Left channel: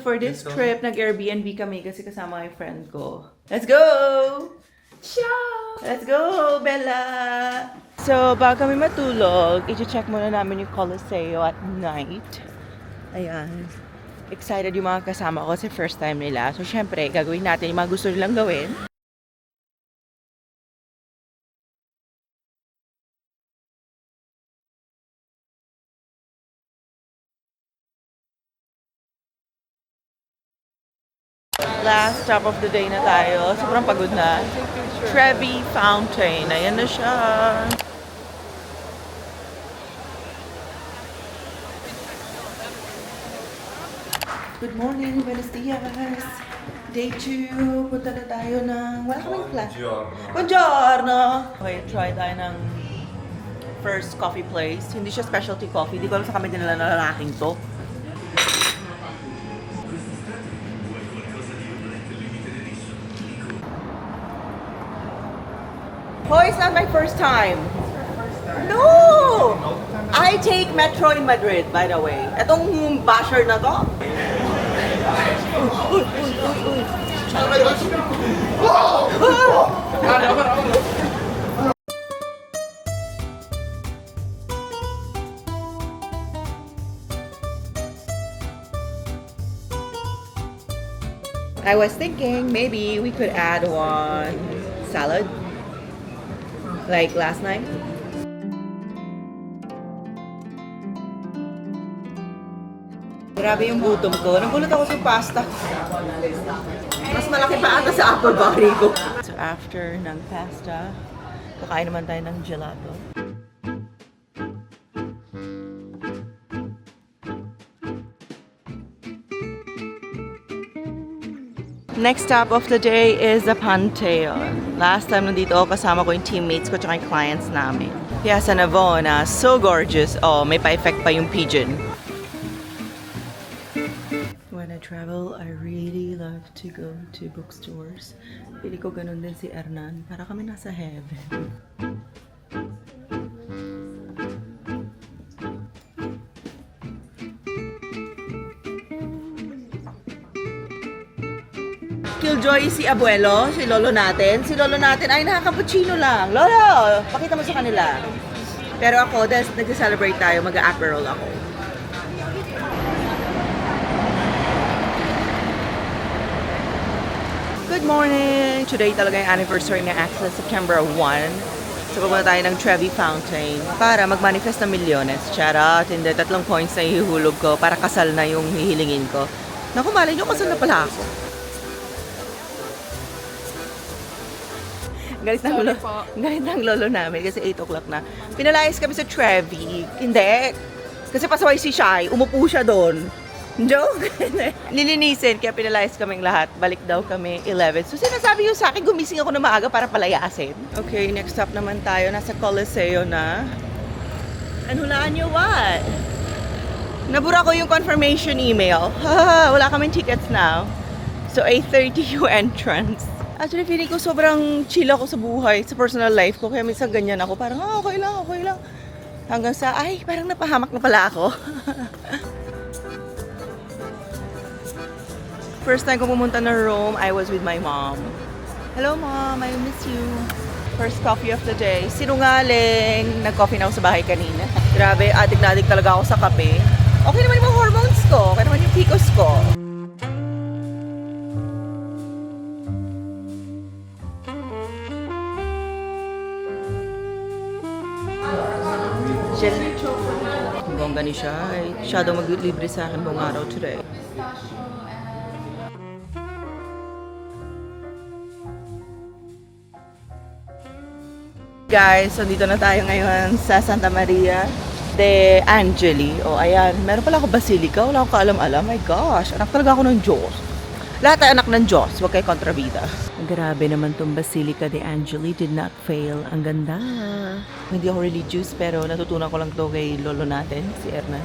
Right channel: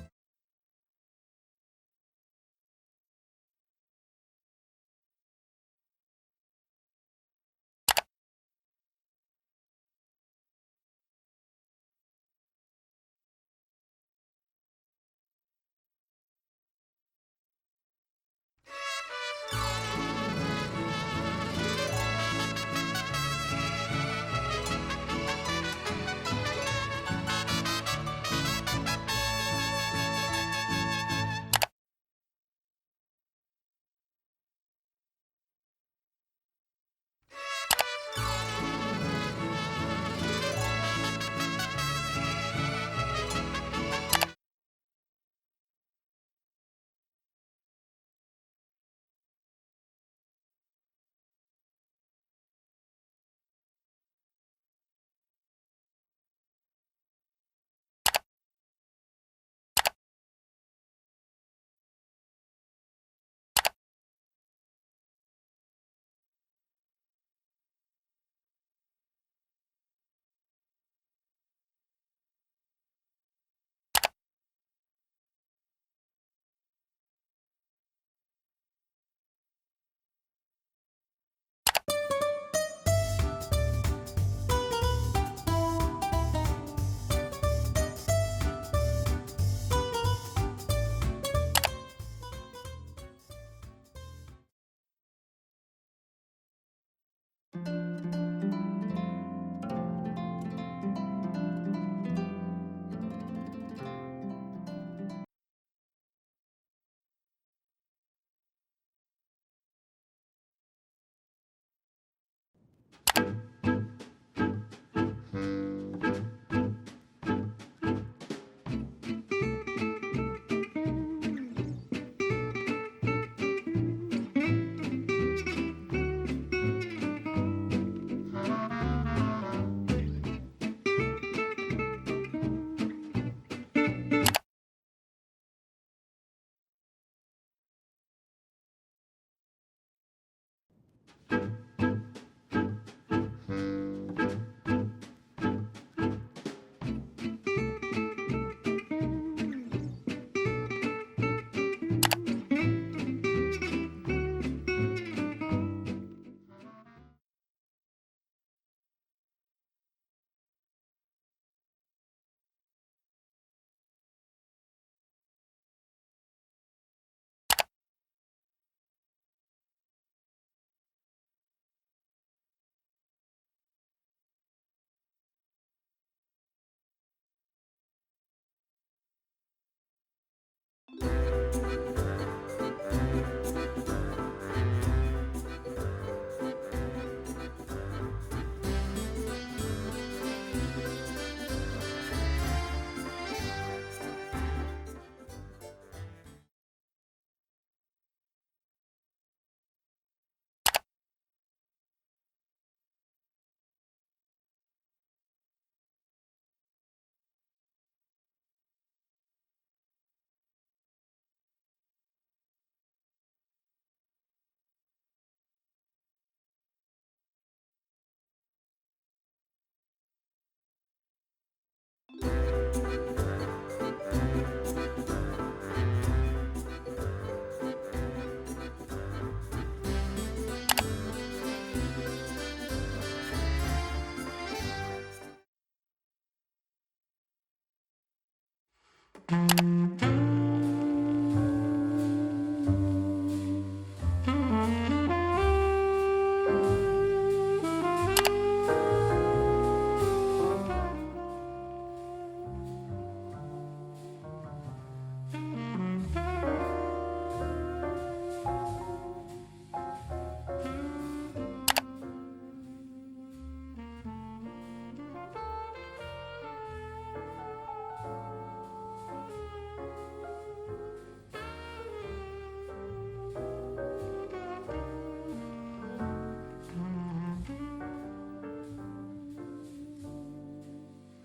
for this trip, nag-Airbnb kami kasi kasama yung friend ko. Let's go! Ciao! Let's go, Bella! So, bago kami matulog, i-check muna namin yung Coliseo at night. Ayan. Excited yung mga kasama ko kasi first time nila. So, syempre, gagawin natin yung mga gusto nilang gawin. Last stop of the day na tayo. Sobrang pagod na. Trevi Fountain. Ayan na siya. Good morning, buenos dias. Day 2. Punta na tayo ng... Wala kaming plan. Buongiorno! Okay, try tayo ng first coffee place. Hindi siya specialty coffee. Hindi ko alam sa kami dinala na lalaking to. Oh, it's not my first time. No! I take metro in Madrid, by the way. Etong basher na to. I was thinking maybe we could add one salad. Like last night. Grabe yung gutom ko. Nagulat ako sa pasta. Mas malaki pa ata sa upper body ko. So after ng pasta, kakain naman tayo ng gelato. Next stop of the day is the Pantheon. Last time nandito ako, kasama ko yung teammates ko tsaka yung clients namin. Piazza Navona, so gorgeous. Oh, may pa-effect pa yung pigeon. When I travel, I really love to go to bookstores. Pili ko ganun din si Hernan. Para kami nasa heaven. Killjoy si abuelo, si lolo natin. Si lolo natin ay nakaka-cappuccino lang. Lolo, pakita mo sa kanila. Pero ako, dahil nag-celebrate tayo, mag-a-aperol ako. Good morning! Today talaga yung anniversary ng Access, September 1. So pupunta tayo ng Trevi Fountain para mag-manifest ng milyones. Charot, hindi. 3 coins na ihulog ko para kasal na yung hihilingin ko. Naku, malay nyo, kasal na pala ako. Galit ng lolo namin kasi 8 o'clock na. Pinalayas kami sa Trevi. Hindi. Kasi pasaway si Shai. Umupo siya doon. Joke. Lilinisin. Kaya pinalayas kaming lahat. Balik daw kami 11. So sinasabi yun sa akin, gumising ako na maaga para palayasin. Okay, next stop naman tayo. Nasa Coliseo na. And hulaan nyo what? Nabura ko yung confirmation email. Wala kaming tickets now. So 8:30 yung entrance. Actually, feeling ko sobrang chill ako sa buhay, sa personal life ko. Kaya minsan ganyan ako. Parang, okay lang. Hanggang sa, ay, parang napahamak na pala ako. First time ko pumunta na Rome, I was with my mom. Hello, Mom. I miss you. First coffee of the day. Sinungaling. Nag-coffee na ako sa bahay kanina. Grabe, adik na adik talaga ako sa kape. Okay naman yung mga hormones ko. Okay naman yung PCOS ko. Bongga ni siya. Siya daw maglibre sa akin buong araw today. Guys, so dito na tayo ngayon sa Santa Maria de Angeli. O ayan, meron pala ako basilika. Wala akong kaalam-alam. My gosh, anak talaga ako ng Diyos. Lahat ay anak ng Diyos. Huwag kayo kontrabida. Grabe naman tong Basilica de Angeli. Did not fail. Ang ganda. Hindi ako religious pero natutunan ko lang to kay lolo natin, si Hernan.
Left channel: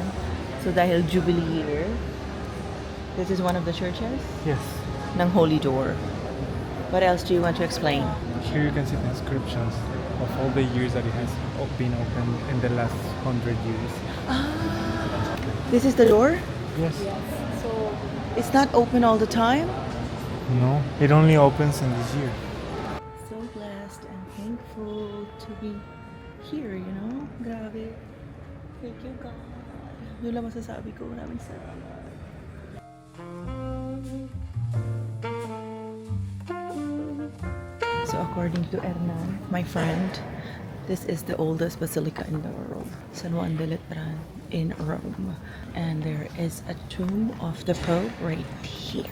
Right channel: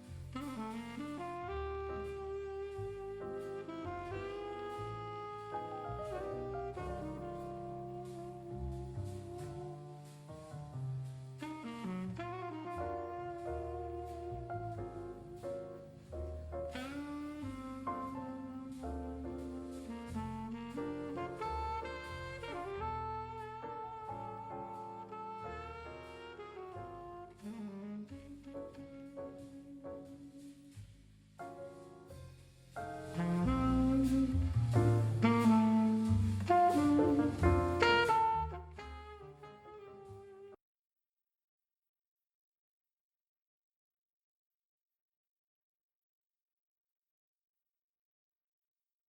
So dahil Jubilee year, this is one of the churches? Yes. Ng Holy Door. What else do you want to explain? Here you can see the inscriptions of all the years that it has been open in the last 100 years. This is the door? Yes. So It's not open all the time? No, it only opens in this year. So blessed and thankful to be here, you know? Grabe. Thank you, God. Yun lang masasabi ko. Maraming salamat. So according to Hernan, my friend, this is the oldest basilica in the world, San Juan de Letran in Rome. And there is a tomb of the Pope right here.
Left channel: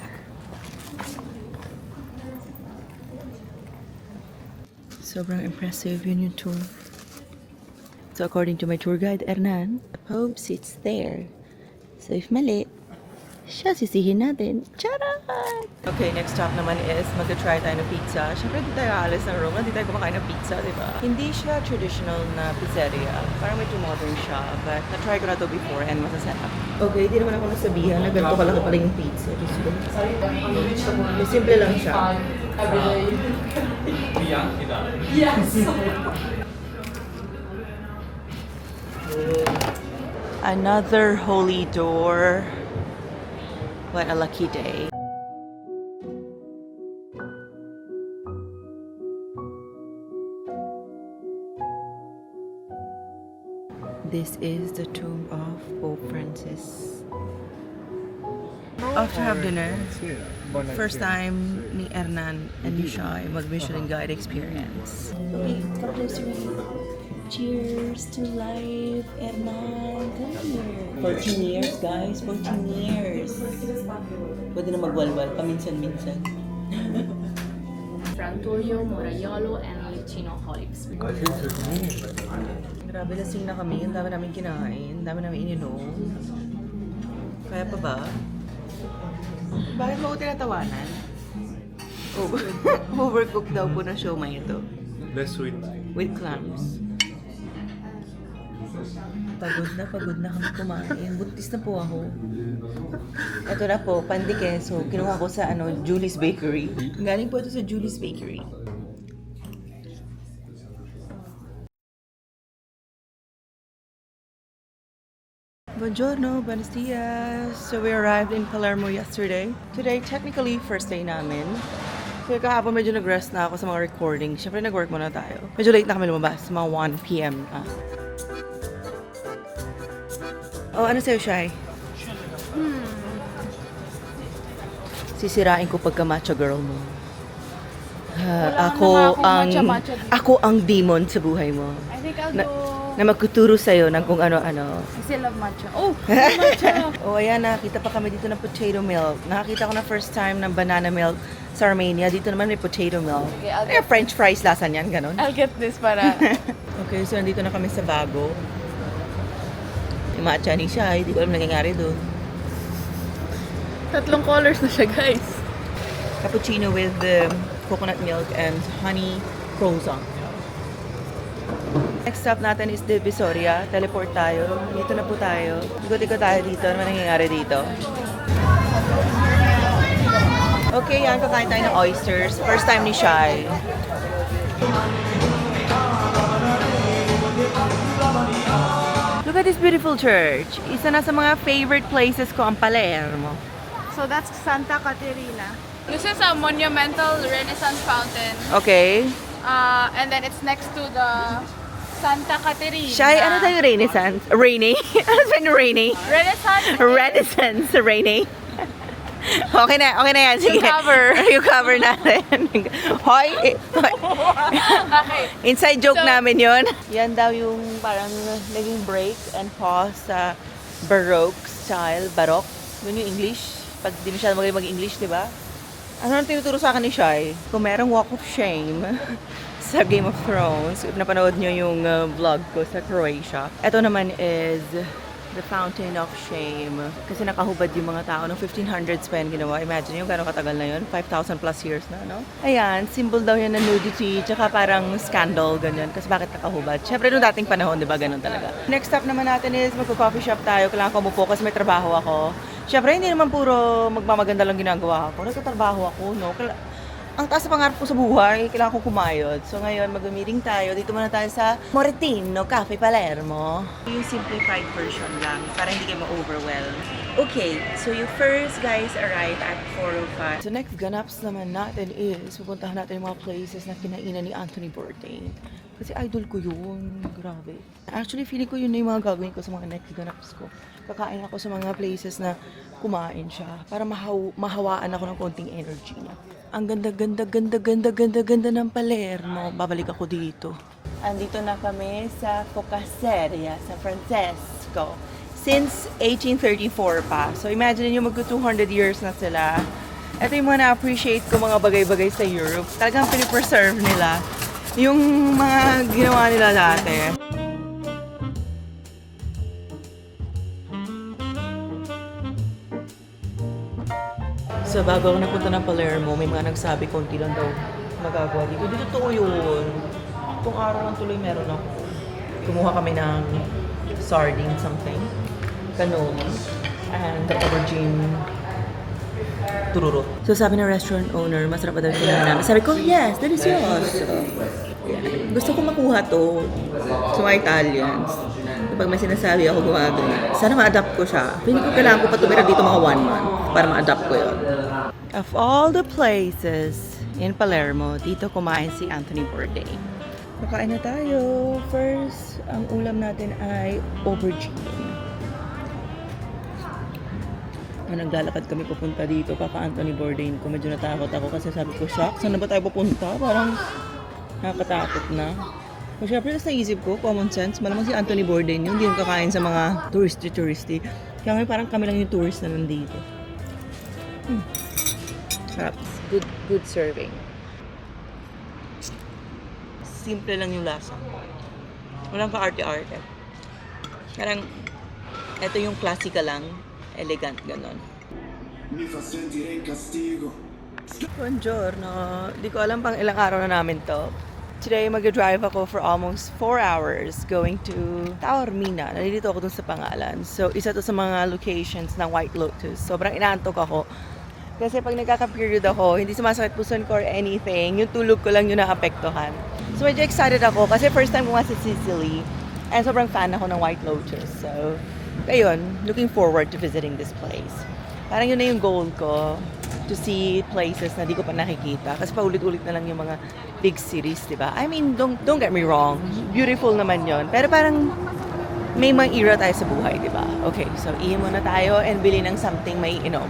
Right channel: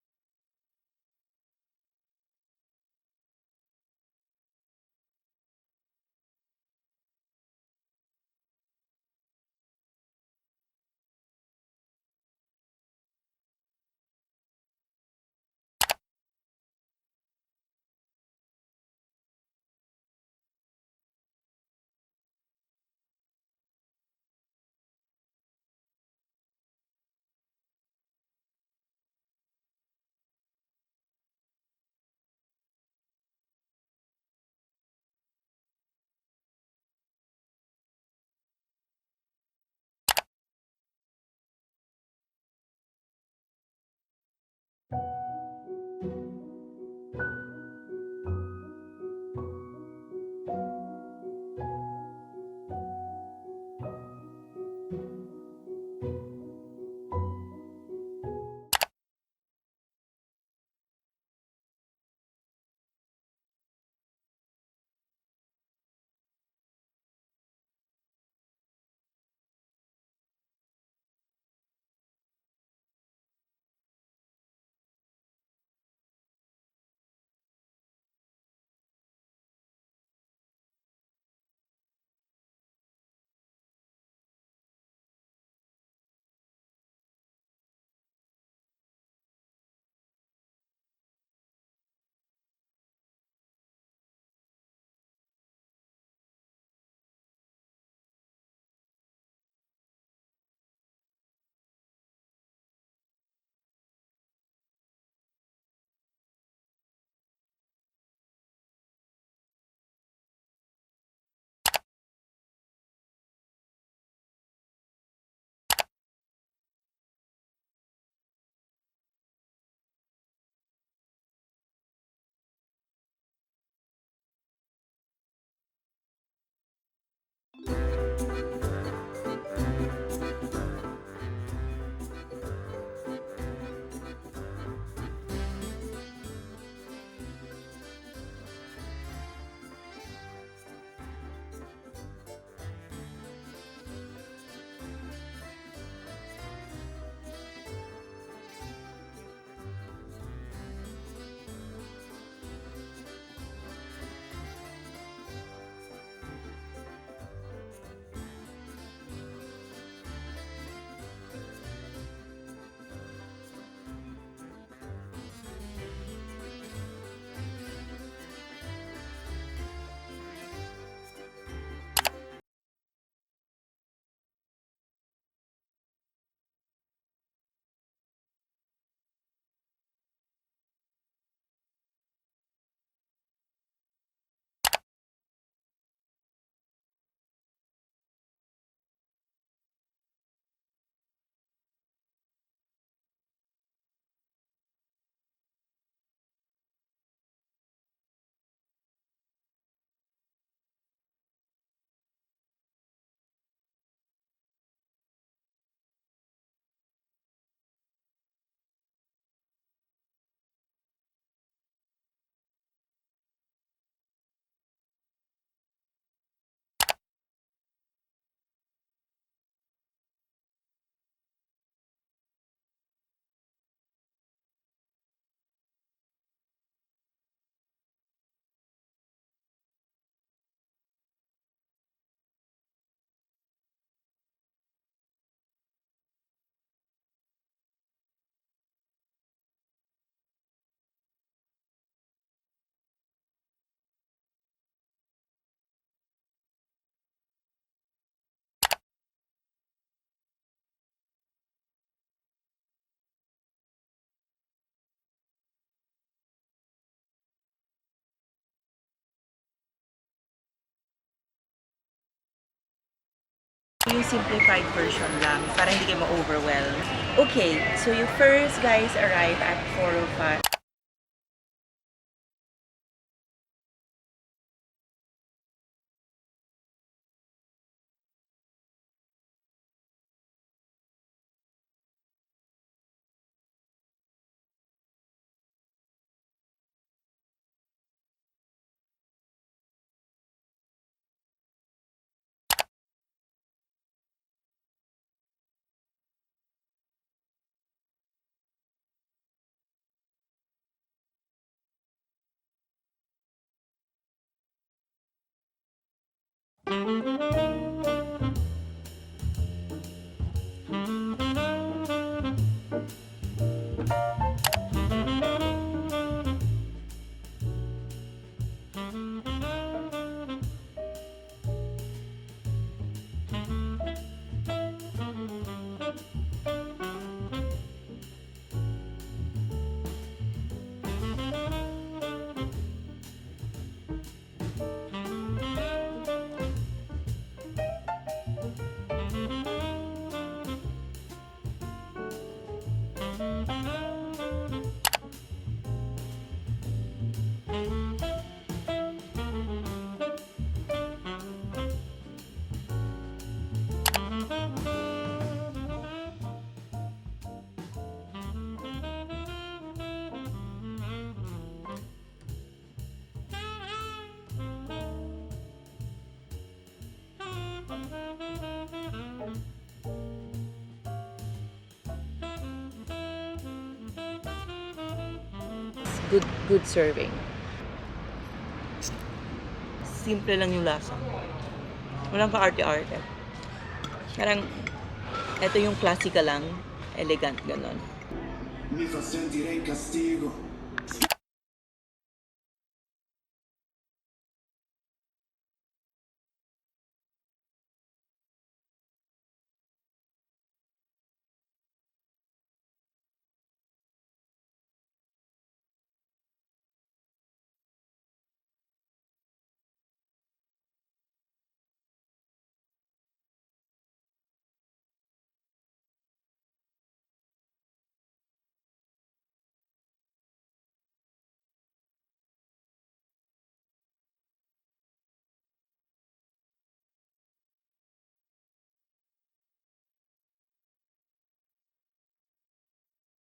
Sobrang impressive yun yung tomb. So according to my tour guide Hernan, the Pope sits there. So if mali, siya sisihin natin. Charan! Okay, next stop naman is mag-try tayo ng pizza. Siyempre, di tayo aalis ng Rome, di tayo kumakain ng pizza, di ba? Hindi siya traditional na pizzeria. Parang medyo modern siya. But na-try ko na to before and masasarap. Okay, di naman ako nasabihan na ganito kalaki pala yung pizza. Simple lang siya. Another holy door. What a lucky day. This is the tomb of Pope Francis. After have dinner, first time ni Hernan and ni Shai mag-Michelin Guide experience. Okay, come closer. Cheers to life, Hernan. Come here. 14 years, guys. 14 years. Pwede na magwalwal, paminsan-minsan. Frantoio, Moraiolo, and Licino Olives. Grabe, lasing na kami. Ang dami namin kinain. Ang dami namin ininom. Kaya pa ba? Bakit mo ko tinatawanan? Overcooked daw po na siomai ito. Less sweet. With clams. Pagod na kami kumain. Buntis na po ako. Ito na po, pandi queso. Kinuha ko sa Julie's Bakery. Galing po ito sa Julie's Bakery. Buongiorno, buenos dias. So we arrived in Palermo yesterday. Today, technically, first day namin. So kahapon medyo nag-rest na ako sa mga recording. Siyempre nag-work muna tayo. Medyo late na kami lumabas, mga 1 p.m. na. Oh, ano sa'yo, Shai? Sisirain ko pagka macho girl mo. Ako ang demon sa buhay mo. I think I'll Na, go... na magkuturo sa'yo ng kung ano-ano. I still love matcha. Oh! Matcha! Oh, ayan, nakakita pa kami dito ng potato milk. Nakakita ko na first time ng banana milk sa Armenia. Dito naman may potato milk. Okay, I'll Kaya French fries lasa niyan, ganon. I'll get this para... Okay, so nandito na kami sa Bago. Yung matcha ni Shai, hindi ko alam nangyayari doon. 3 colors na siya, guys. Cappuccino with coconut milk and honey croissant. Next stop natin is Divisoria. Teleport tayo. Dito na po tayo. Ikot-ikot tayo dito. Ano nangyayari dito? Okay, yan. Kakain tayo ng oysters. First time ni Shai. Look at this beautiful church. Isa na sa mga favorite places ko ang Palermo. So that's Santa Caterina. This is a monumental Renaissance fountain. Okay. And then it's next to the Santa Caterina. Shai, ano tayo Renaissance? Rainy? Ano sabi rainy? Renaissance. Renaissance rainy. Okay na yan. Sige. Yung cover natin. Hoy! Okay. Inside joke So- namin yon. Yan daw yung parang naging break and pause sa Baroque style. Baroque. Yun yung English. Pag di masyado magaling mag-English, di ba? Ano nang tinuturo sa akin ni Shai? Kung merong walk of shame sa Game of Thrones, if napanood nyo yung vlog ko sa Croatia, ito naman is the Fountain of Shame. Kasi nakahubad yung mga tao ng 1500s pa yan ginawa. Imagine yung gano'ng katagal na yun. 5,000 plus years na, no? Ayan, symbol daw yan ng nudity, tsaka parang scandal, ganyan. Kasi bakit nakahubad? Siyempre, noong dating panahon, di ba? Ganun talaga. Next stop naman natin is magpo-coffee shop tayo. Kailangan ko umupo kasi may trabaho ako. Siyempre, hindi naman puro magmamaganda lang ginagawa ko. Nagtatrabaho ako, no? Ang taas na pangarap ko sa buhay, kailangan ko kumayod. So ngayon, mag-meeting tayo. Dito muna tayo sa Moretino Cafe Palermo. Yung simplified version lang, para hindi kayo ma-overwhelm. Okay, so you first guys arrive at 4:05. The next ganaps naman natin is pupuntahan natin yung mga places na kinainan ni Anthony Bourdain. Kasi idol ko yun. Grabe. Actually, feeling ko yun na yung mga gagawin ko sa mga next ganaps ko. Kakain ako sa mga places na kumain siya para mahawaan ako ng konting energy niya. Ang ganda ng Palermo. Babalik ako dito. Andito na kami sa Focaceria, sa Francesco. Since 1834 pa. So imagine nyo magko 200 years na sila. Ito yung mga na-appreciate ko mga bagay-bagay sa Europe. Talagang pinipreserve nila yung mga ginawa nila dati. So bago ako napunta ng Palermo, may mga nagsabi konti lang daw magagawa dito. Di totoo yun. Itong araw lang tuloy meron ako. Kumuha kami ng sardine something, canoe, and the aubergine tururo. So sabi ng restaurant owner, masarap ba daw yung kailangan namin? Sabi ko, yes, delicious. Yeah. Gusto ko makuha to sa mga Italians. Kapag may sinasabi ako gumagawin, sana ma-adapt ko siya. Hindi ko kailangan ko pa tumira dito mga 1 month para ma-adapt ko yun. Of all the places in Palermo, dito kumain si Anthony Bourdain. Makain na tayo. First, ang ulam natin ay aubergine. Naglalakad kami papunta dito, Papa Anthony Bourdain ko. Medyo natakot ako kasi sabi ko, shock, saan na ba tayo papunta? Parang nakakatakot na. So, syempre, sa naisip ko, common sense, malamang si Anthony Bourdain yun, hindi yung kakain sa mga touristy. Kaya ngayon parang kami lang yung tourist na nandito. Sarap. Good serving. Simple lang yung lasa. Walang ka-arte-arte. Parang, ito yung classical lang, elegant, ganon. Mi fa sentire in castigo. Buongiorno. Di ko alam pang ilang araw na namin to. Today, mag-drive ako for almost 4 hours going to Taormina. Nalilito ako dun sa pangalan. So, isa to sa mga locations ng White Lotus. Sobrang inaantok ako. Kasi pag nagkaka-period ako, hindi sumasakit puson ko or anything. Yung tulog ko lang yung naapektuhan. So, medyo excited ako kasi first time ko nga sa Sicily. And sobrang fan ako ng White Lotus. So, ayun, looking forward to visiting this place. Parang yun na yung goal ko, to see places na di ko pa nakikita. Kasi paulit-ulit na lang yung mga big cities, di ba? I mean, don't get me wrong. Beautiful naman yon. Pero parang may mga era tayo sa buhay, di ba? Okay, so iyon muna tayo and bili ng something may inom.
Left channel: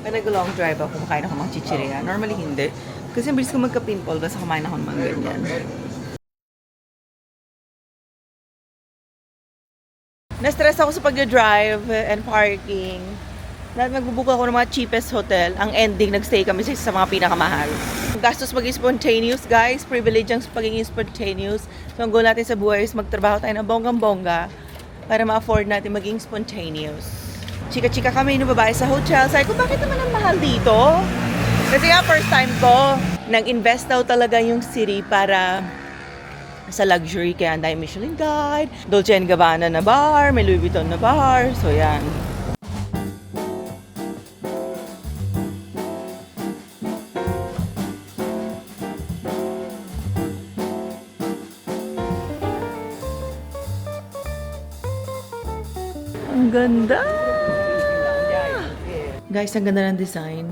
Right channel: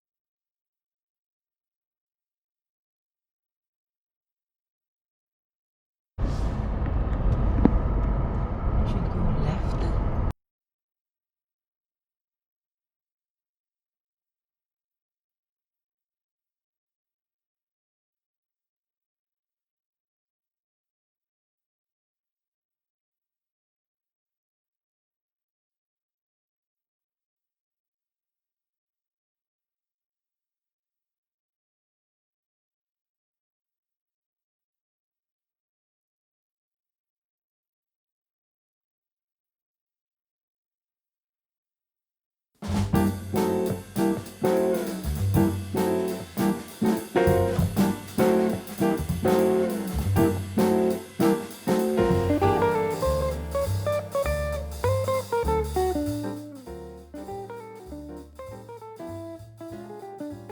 Pag nag-long drive ako, kumakain ako mga chichirya. Normally hindi. Kasi ang bilis ko magka-pimple, basta kumain ako ng mga ganyan. Na-stress ako sa pag-drive and parking. Nagbubook ako ng mga cheapest hotel. Ang ending, nagstay kami sa mga pinakamahal. Gastos maging spontaneous, guys. Privilege ang pagiging spontaneous. So, ang goal natin sa buhay is magtrabaho tayo ng bonggang-bongga para ma-afford natin maging spontaneous. Chika-chika kami ng babae sa hotel. Sabi ko, bakit naman ang mahal dito? Kasi nga, first time ko, nag-invest daw talaga yung city para sa luxury. Kaya ang dahil Michelin Guide, Dolce & Gabbana na bar, may Louis Vuitton na bar. So, yan. Ang ganda! Guys, ang ganda ng design.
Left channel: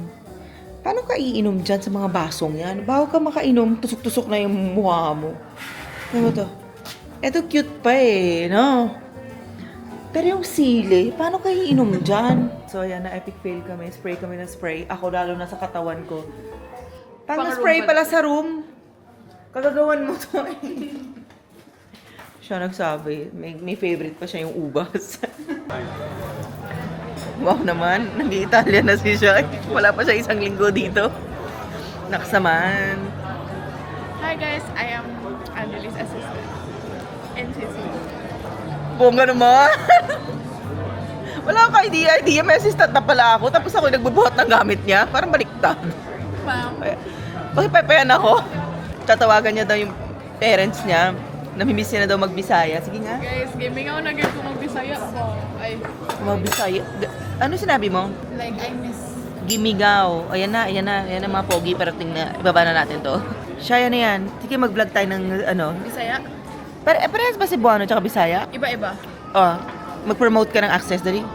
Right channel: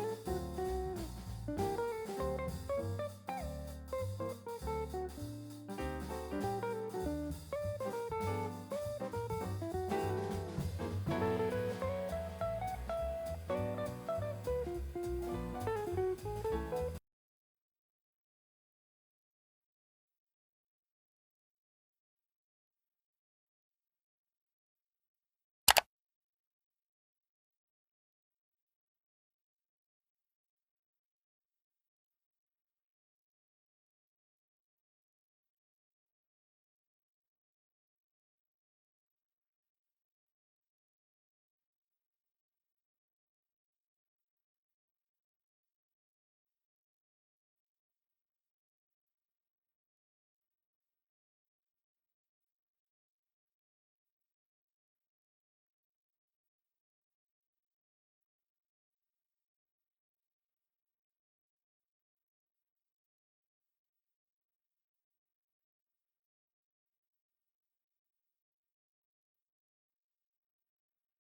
Paano ka iinom dyan sa mga basong yan? Bago ka makainom, tusok-tusok na yung mukha mo. Ano to? Ito cute pa eh, no? Pero yung sili, paano ka iinom dyan? So, ayan na, epic fail kami. Spray kami ng spray. Ako lalo na sa katawan ko. Pang spray pala sa room. Kagagawan mo to eh. Siya nagsabi, may favorite pa siya yung ubas. Wow naman, nag-Italian na si siya. Wala pa siya 1 linggo dito. Naksaman. Hi guys, I am Anjali's assistant in Sicily. Bongga naman. Wala akong idea. May assistant na pala ako. Tapos ako nagbubuhat ng gamit niya. Parang baliktad. Ma'am. Bakit pepean ako? Tatawagan niya daw yung parents niya. Namimiss niya na daw magbisaya. Sige nga. Guys, gaming ako na ko magbisaya po. Ay, Magbisaya. Ano sinabi mo? like I miss. Gimigaw. Ayan na mga pogi. Parating na. Ibaba na natin to. Siya yan na yan. Sige, mag-vlog tayo ng ano. Bisaya? Parehas ba Cebuano tsaka Bisaya? Iba-iba. Oh, mag-promote ka ng access dali.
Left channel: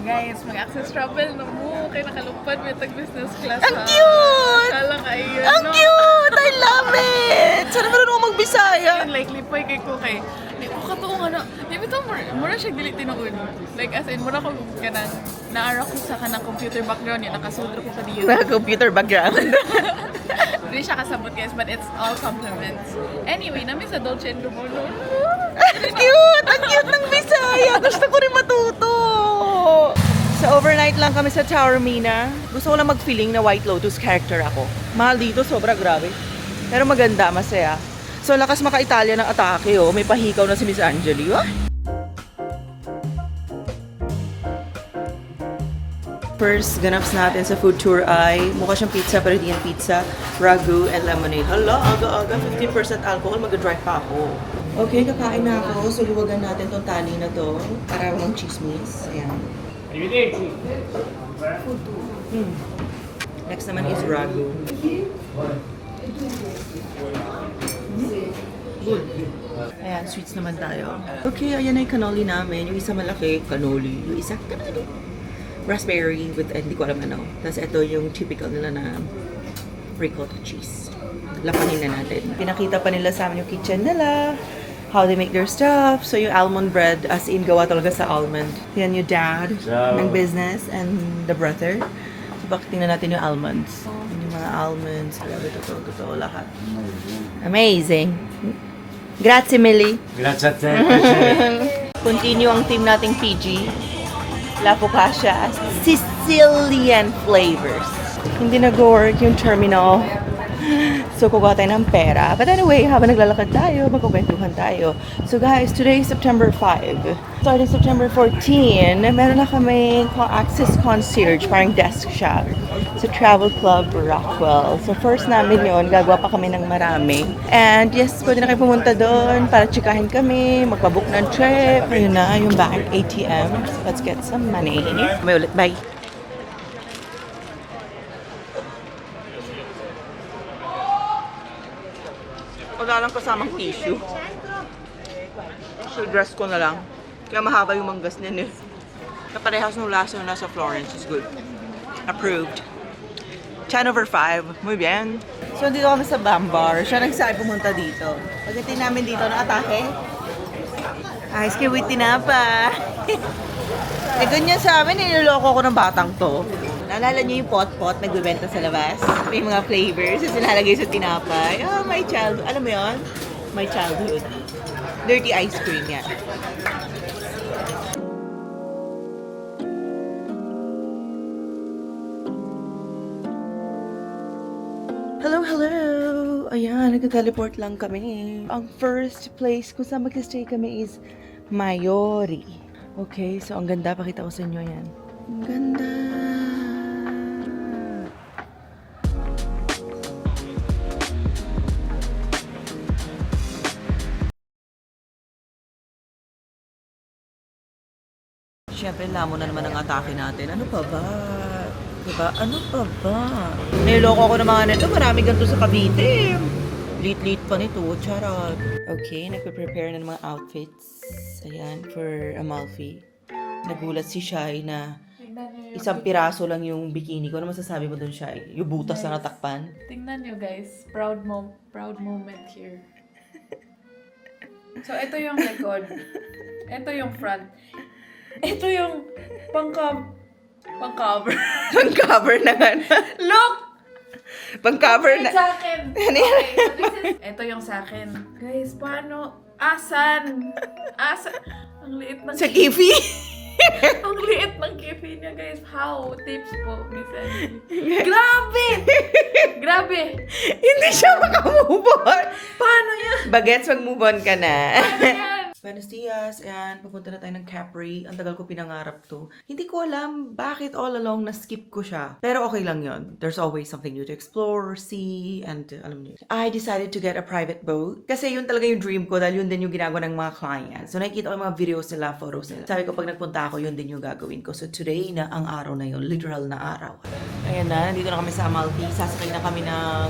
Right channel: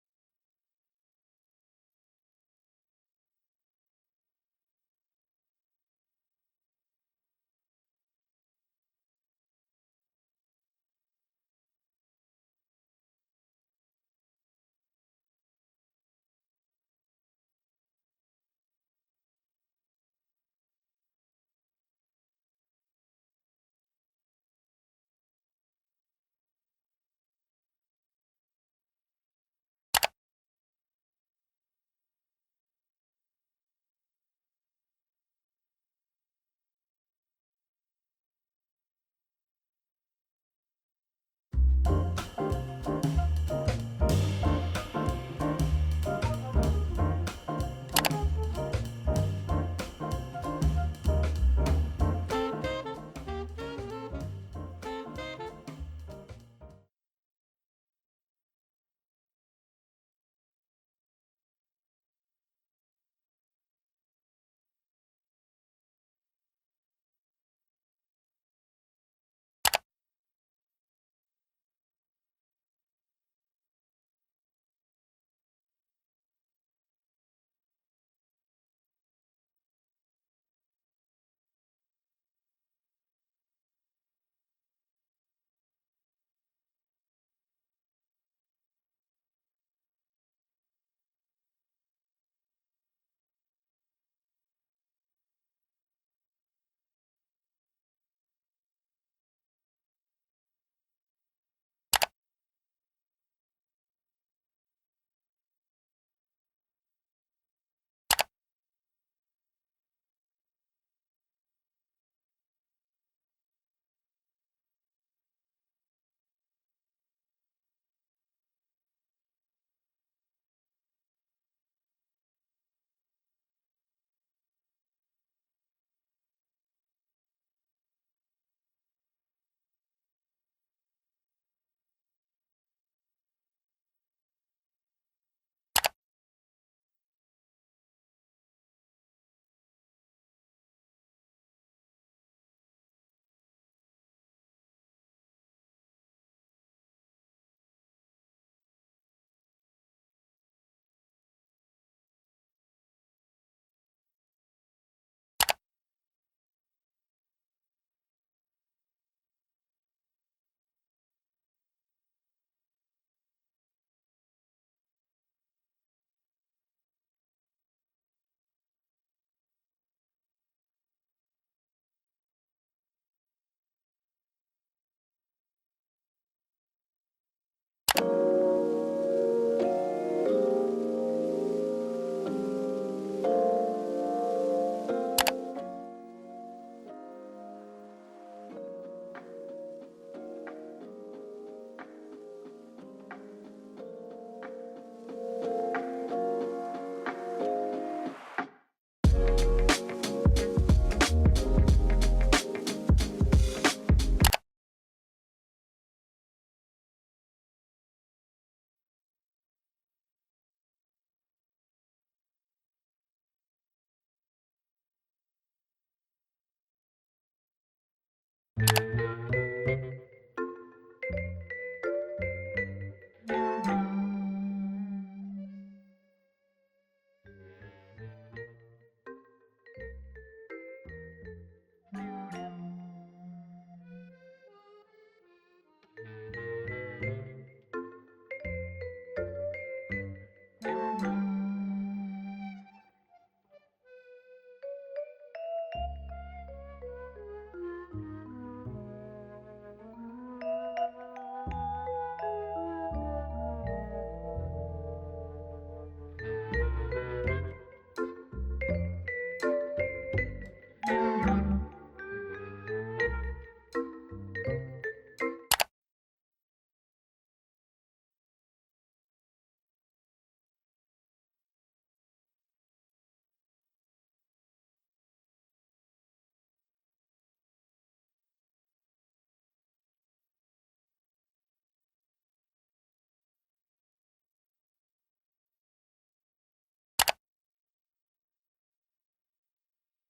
Guys, mag-access travel na mo. Kaya nakalupad may tag-business class. Ang cute! Kala kayo, Ang no? cute! I love it! Sana marunong ako magbisaya. Yun, like, lipay kay ko kay. Di ko katuong ano. Di ba ito, mura siya dili tinuod. Like, as in, mura ko kanang, naara ko sa kanang computer background yun. Nakasudro ko sa diyo. Computer background. Hindi siya kasabot, guys, but it's all compliments. Anyway, namin sa Dolce & Gabbana. Ang cute! Ang cute ng Bisaya! Gusto ko rin matuto! So overnight lang kami sa Tower Mina. Gusto ko lang mag-feeling na White Lotus character ako. Mahal dito, sobra grabe. Pero maganda, masaya. So lakas maka-Italia ng atake, oh. May pahikaw na si Miss Angeli. Oh. First, ganaps natin sa food tour ay mukha siyang pizza pero hindi yan pizza, ragu and lemonade. Hala, aga-aga, 50% alcohol, mag-drive pa ako. Okay, kakain na ako. So, luwagan natin tong tali na to. Para ng chismis. Ayan. Next naman is ragu. Good. Ayan, sweets naman tayo. Okay, ayan na yung cannoli namin. Yung isa malaki, cannoli. Yung isa, cannoli. Raspberry with, hindi ko alam ano. Tapos ito yung typical nila na ricotta cheese. Lapanin na natin. Pinakita pa nila sa amin yung kitchen nila. How they make their stuff. So yung almond bread, as in gawa talaga sa almond. Yan yung dad ng business and the brother. So bakit tingnan natin yung almonds. Yung mga almonds. Grabe, totoo, lahat. Amazing. Grazie, Millie. Grazie a te. Continue ang team nating PG. La Focaccia, Sicilian flavors. Hindi nag-work yung terminal. So, kukuha tayo ng pera. But anyway, habang naglalakad tayo, magkukwentuhan tayo. So guys, today is September 5. Starting September 14, meron na kami access concierge, parang desk siya, sa Travel Club Rockwell. So first namin yun, gagawa pa kami ng marami. And yes, pwede na kayo pumunta doon para tsikahin kami, magpabook ng trip. Ayun na, yung bank ATM. So let's get some money. May ulit, bye! Wala lang kasamang tissue. So dress ko na lang. Kaya mahaba yung manggas niya eh. Kaparehas ng lasa na nasa Florence is good. Approved. 10/5. Muy bien. So, dito kami sa Bambar. Siya nagsabi pumunta dito. Pagdating namin dito ng atake, ayos kayo with tinapa. Eh, ganyan sa amin, niloloko ko ng batang to. Naalala niyo yung pot-pot nagbebenta sa labas? May mga flavors na sinalagay sa tinapay. Oh, my childhood. Alam mo yon? My childhood. Dirty ice cream yan. Hello! Ayan, nagka-teleport lang kami. Ang first place kung saan mag-stay kami is Mayori. Okay, so ang ganda. Pakita ko sa inyo yan. Ang ganda! Siyempre, lamo na naman ang atake natin. Ano pa ba? Diba? Ano pa ba? Niloko ako ng mga nito. Marami ganito sa Cavite. Lit-lit pa nito. Charot. Okay, nagpe-prepare na ng mga outfits. Ayan, for Amalfi. Nagulat si Shai na isang piraso lang yung bikini ko. Ano masasabi mo dun, Shai? Yung butas na natakpan? Tingnan nyo, guys. Proud moment here. So, ito yung likod. Ito yung front. Ito yung pang-cover. Pang-cover na nga na. Look! Pang-cover na. Sa akin. Ano yan? Okay, so this is... Ito yung sa akin. Guys, paano? Asan? Ang liit ng Sa kifi. Ang liit ng kifi niya, guys. How? Tips po, Miss. Grabe! Grabe! Hindi siya makamove on. Paano yan? Bagets, mag-move on ka na. Paano yan? Buenos dias, and papunta na tayo ng Capri. Ang tagal ko pinangarap to. Hindi ko alam bakit all along na-skip ko siya. Pero okay lang yon. There's always something new to explore, see, and alam niyo. I decided to get a private boat. Kasi yun talaga yung dream ko dahil yun din yung ginagawa ng mga clients. So nakikita ko yung mga videos nila, photos nila. Sabi ko pag nagpunta ako, yun din yung gagawin ko. So today na ang araw na yun. Literal na araw. Ayan na, nandito na kami sa Amalfi. Sasakay na kami ng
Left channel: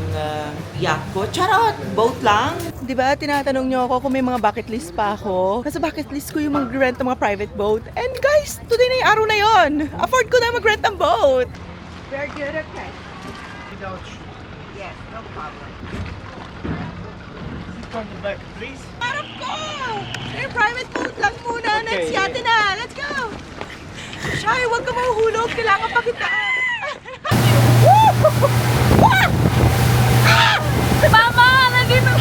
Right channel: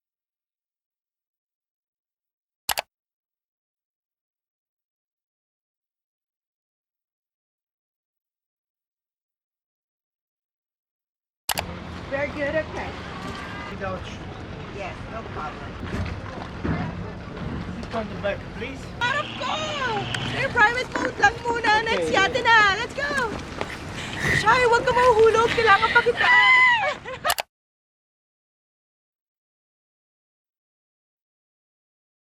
yacht ko. Charot! Boat lang. Diba, tinatanong niyo ako kung may mga bucket list pa ako. ko. Nasa bucket list ko yung mag-rent ng mga private boat. And guys, today na yung araw na yon. Afford ko na mag-rent ng boat. Very good, okay. Without Yes, no problem. sit on the back, please. Harap ko! Yung private boat lang muna. Next yate na. Let's go! Shy, huwag ka mahuhulog. Kailangan pa kita. Mama! Nandito!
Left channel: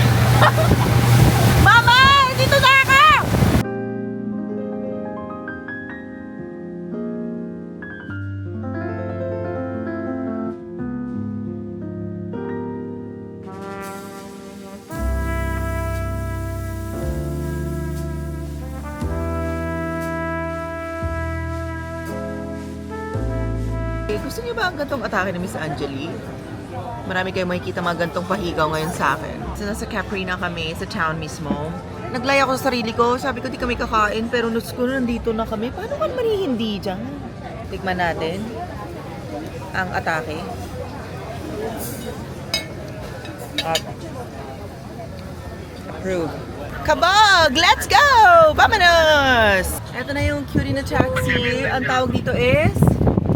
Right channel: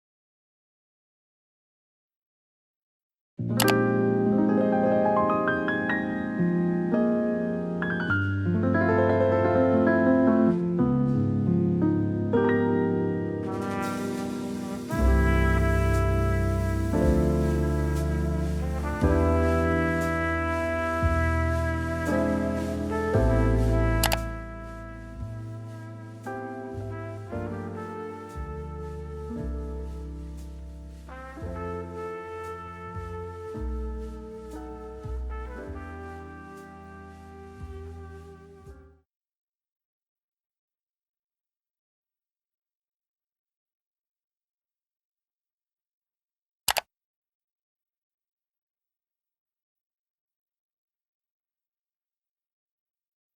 Mama! Dito na ako! Gusto niyo ba ang gantong atake ni Miss Angeli? Marami kayong makikita mga gantong pahigaw ngayon sa akin. So, nasa Capri na kami, sa town mismo. Naglaya ako sa sarili ko. Sabi ko, di kami kakain. Pero nuts ko, nandito na kami. Paano man hindi dyan? Tikman natin ang atake. At approve. Kabog! Let's go! Vamonos! Ito na yung cutie na taxi. Ang tawag dito is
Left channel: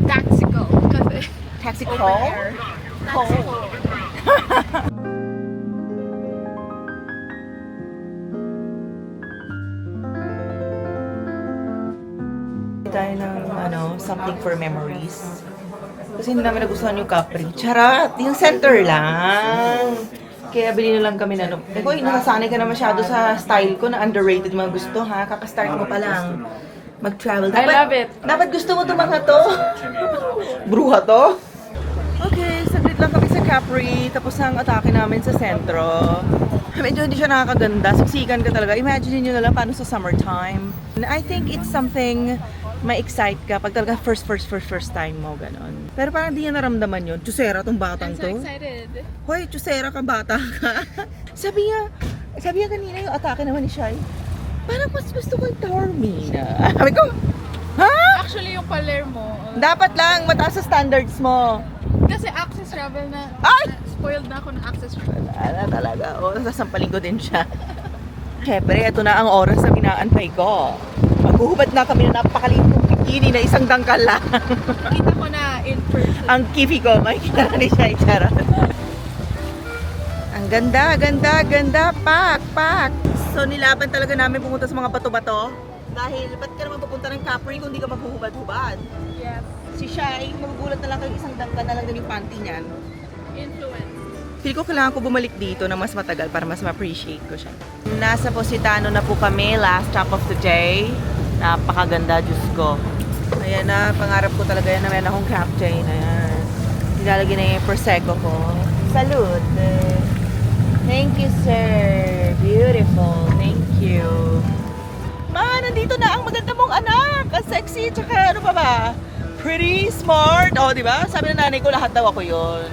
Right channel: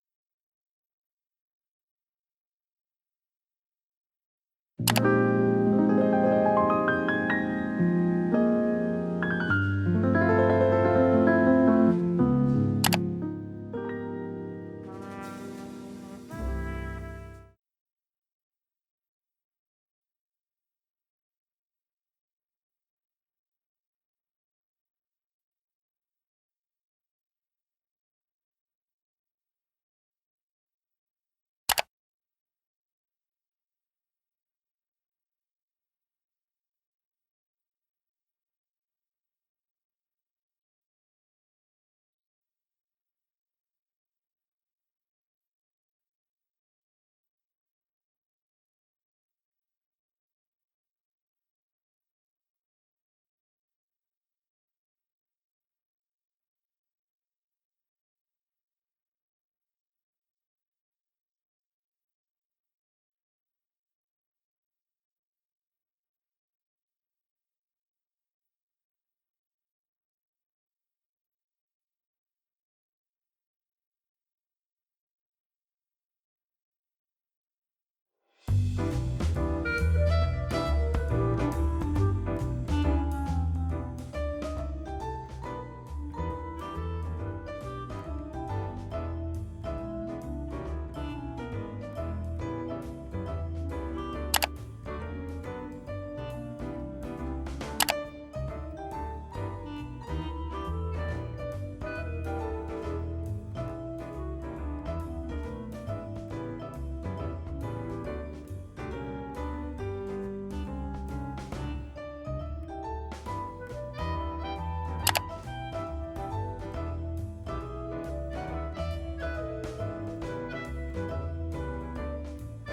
Taxico. Kasi taxi open call. air. Call. Dahil ng something for memories. Kasi hindi namin nagustuhan yung Capri. Charot! Yung center lang. Kaya bili na lang kami na Eko, nasasanay ka na masyado sa style ko na underrated mga gusto ha. Kakastart mo pa lang mag-travel. I love it. Dapat gusto mo itong mga to. Bruha to. Okay, saglit lang kami sa Capri. Tapos ang atake namin sa sentro. Medyo hindi siya nakakaganda. Siksikan ka talaga. Imagine nyo na lang paano sa summertime. And I think it's something ma-excite ka pag talaga first time mo, ganon. Pero parang di niya naramdaman yun. Chusera tong batang I'm so to. excited. Hoy, chusera ka, bata ka. sabi niya kanina yung atake naman ni Shai. Parang mas gusto ko yung Taormina. Sabi ko, ha? Actually, yung Palermo, Dapat lang, mataas sa standards mo. kasi access travel na, Ay! spoiled na ako ng access travel. Wala talaga. O, nasasampalin ko din siya. Siyempre, ito na ang oras na minaantay ko. Maghuhubad na kami na napakaliit kong bikini na isang dangkal lang. Kita ko na in person. Ang kifi ko, makikita na ni siya itsara. Ang ganda, ganda, ganda. Pak. So, nilaban talaga namin pumunta sa mga bato-bato. Dahil, ba't ka naman pupunta ng Capri kung di ka maghuhubad-hubad? Yes. Si Shai, magugulat na lang kayo isang dangkal na lang din yung panty niyan. Influence. Feel ko kailangan ko bumalik dito na mas matagal para mas ma-appreciate ko siya. Nasa Positano na po kami, last stop of the day. Napakaganda, Diyos ko. Ayan na, pangarap ko talaga yan na meron akong captain. Ayan. Nilalagay na yung Prosecco ko. Salud! Thank you, sir. Beautiful. Thank you. Ma, nandito na ang maganda mong anak. Ang sexy, tsaka ano pa ba? Pretty, smart. O, di ba? Sabi ng nanay ko, lahat daw ako yon.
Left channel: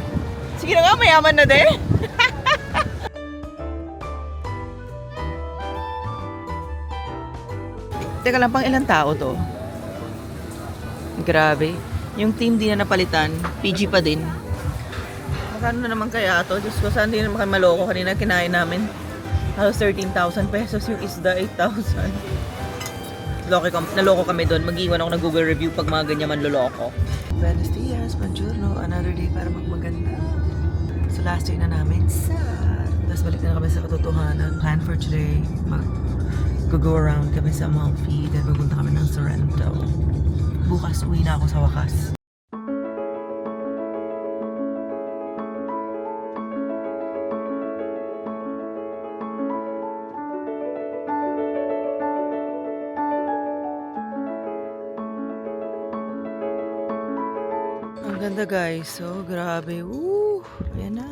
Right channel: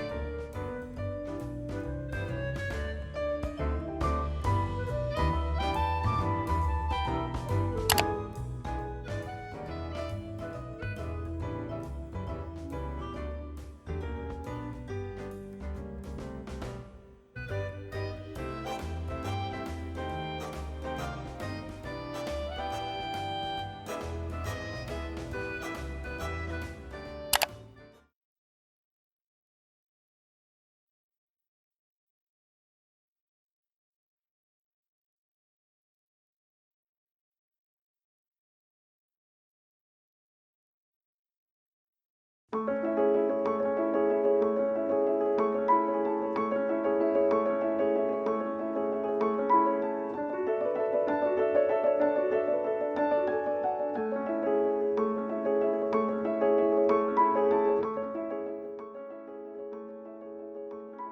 Sige na nga, mayaman na din. Teka lang, pang ilang tao to? Grabe. Yung team di na napalitan. PG pa din. Magkano na naman kaya to? Diyos ko, saan di naman kami maloko? Kanina kinain namin. Halos 13,000 pesos yung isda, 8,000. Naloko kami doon. Mag-iwan ako ng Google review pag mga ganyan manloloko. Buenos dias, buongiorno. Another day para magmaganda. So last day na namin. Sad. Tapos balik na kami sa katotohanan. Plan for today. Go around kami sa Amalfi. Then pupunta kami ng Sorrento. Bukas uwi na ako sa wakas. Ang ganda guys. So, grabe. Woo! Ayan na.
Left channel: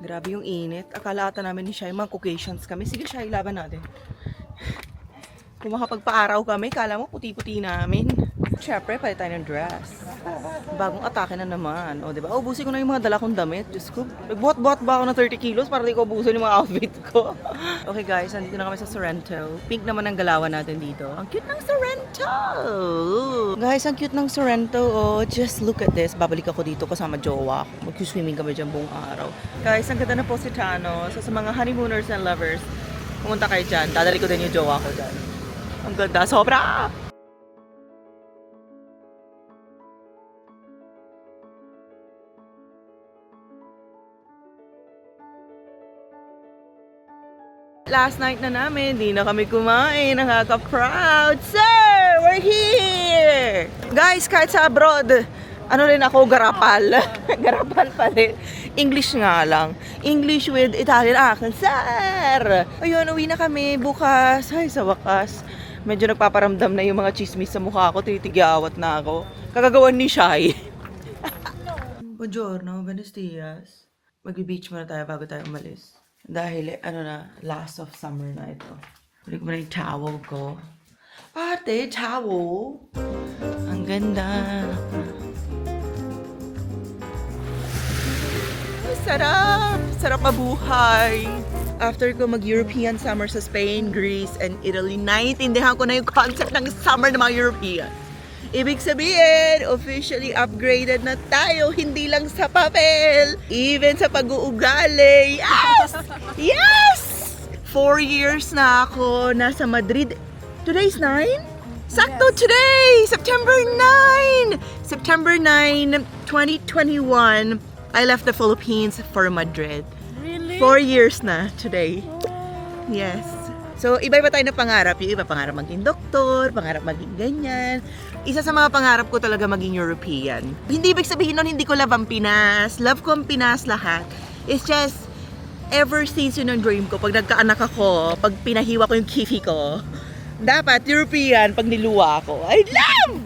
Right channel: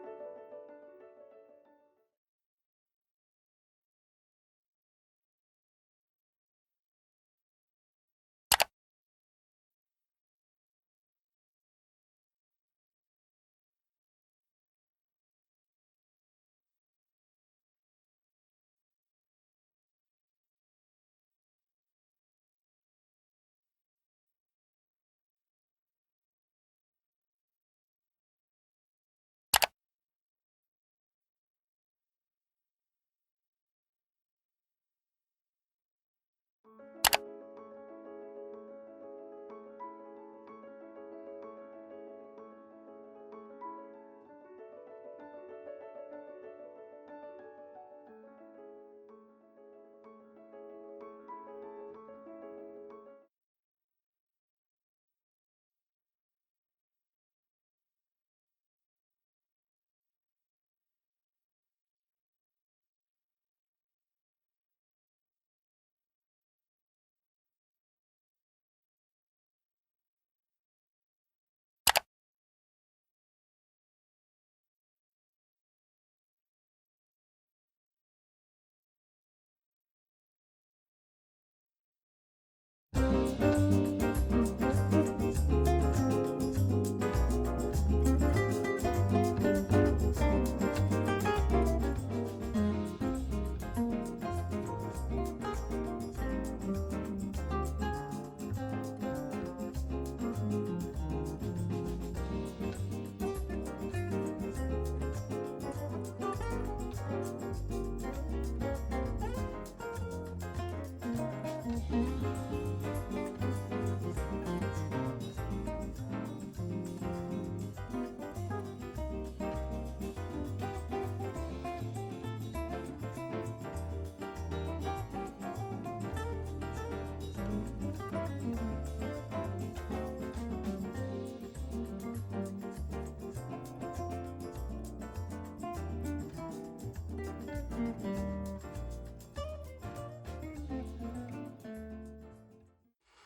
Grabe yung init. Akala ata namin ni Shai, mga Caucasians kami. Sige Shai, laban natin. Kung makapagpa-araw kami, kala mo puti-puti namin. Siyempre, palit tayo ng dress. Bagong atake na naman. O, diba? Ubusin ko na yung mga dala kong damit. Diyos ko, nagbuhat-buhat ba ako ng 30 kilos para di ko ubusin yung mga outfit ko? Okay guys, nandito na kami sa Sorrento. Pink naman ang galawan natin dito. Ang cute ng Sorrento! Guys, ang cute ng Sorrento. Oh, just look at this. Babalik ako dito kasama jowa. Mag-swimming kami dyan buong araw. Guys, ang ganda na Positano. So, sa mga honeymooners and lovers, Pumunta kayo dyan. Dadali ko din yung jowa ko dyan. Ang ganda. Sobra! Last night na namin, di na kami kumain. Nakaka-proud. Sir, we're here! Guys, kahit sa abroad, ano rin ako, garapal. Garapal pa rin. English nga lang. English with Italian accent. Sir! Ayun, uwi na kami bukas. Ay, sa wakas. Medyo nagpaparamdam na yung mga chismis sa mukha ko. Titigyawat na ako. Kagagawan ni Shai. Buongiorno, buenos dias. Mag-beach muna tayo bago tayo umalis. Dahil, last of summer na ito. Balik mo na yung towel ko. Ate, towel. Ang ganda. Sarap! Sarap mabuhay. After ko mag-European summer sa Spain, Greece, and Italy, naiintindihan ko na yung concept ng summer ng mga European. Ibig sabihin, officially upgraded na tayo, hindi lang sa papel, even sa pag-uugali. Yes! Yes! 4 years na ako nasa Madrid. Today's 9? Sakto today! September 9! September 9, 2021, I left the Philippines for Madrid. Really? 4 years na today. Yes. So, iba-iba tayo ng pangarap. Yung iba pangarap maging doktor, pangarap maging ganyan. Isa sa mga pangarap ko talaga maging European. Hindi ibig sabihin nun, hindi ko love ang Pinas. Love ko ang Pinas lahat. It's just, ever since yun ang dream ko, pag nagkaanak ako, pag pinahiwa ko yung kifi ko, dapat European pag niluwa ako. I love!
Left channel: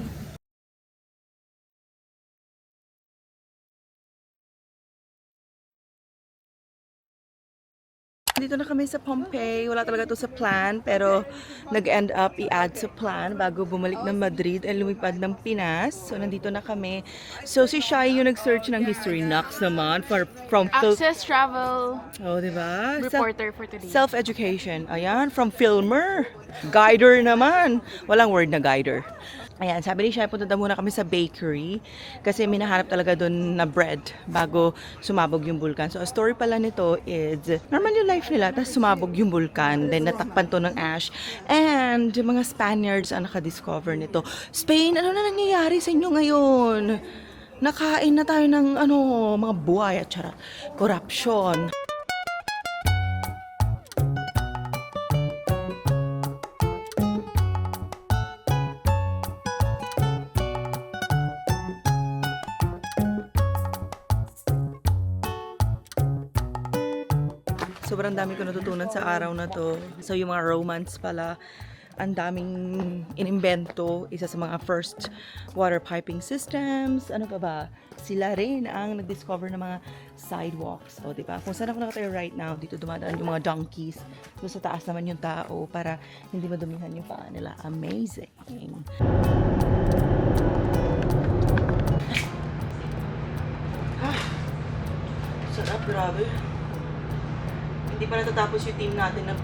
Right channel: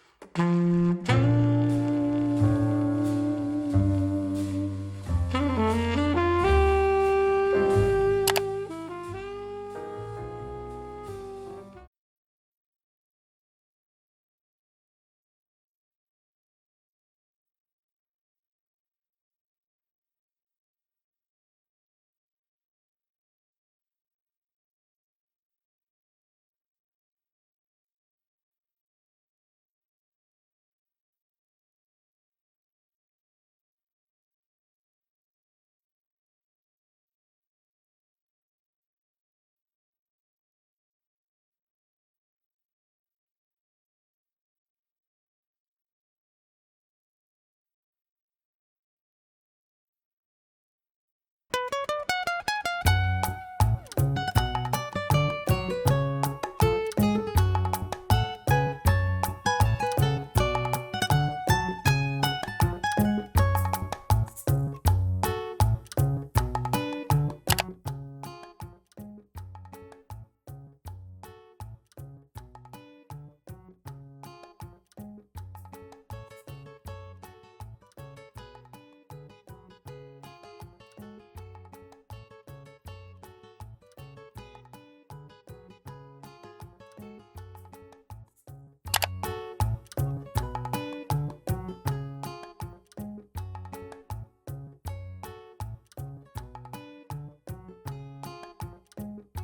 Sa Pompeii, wala talaga to sa plan, pero nag-end up i-add sa plan bago bumalik ng Madrid at lumipad ng Pinas. So, nandito na kami. So, si Shai yung nag-search ng history knocks naman from Access travel Oh, di ba? reporter for today. Self-education. Ayan, from filmer. Guider naman. Walang word na guider. Ayan, sabi ni Shai, punta daw muna kami sa bakery kasi minahanap talaga doon na bread bago sumabog yung bulkan. So, a story pala nito is, normal yung life nila, tapos sumabog yung bulkan, then natakpan to ng ash, and yung mga Spaniards ang nakadiscover nito. Spain, ano na nangyayari sa inyo ngayon? Nakain na tayo ng mga buhay at charot. Corruption. Sobrang dami ko natutunan sa araw na to. So, yung mga romance pala, ang daming inimbento. Isa sa mga first water piping systems. Ano pa ba? Sila rin ang nag-discover ng mga sidewalks. O, diba? Kung saan ako nakatayo right now, dito dumadaan yung mga donkeys. So, sa taas naman yung tao para hindi madumihan yung paa nila. Amazing. Sarap, grabe. Hindi pa natatapos yung team natin na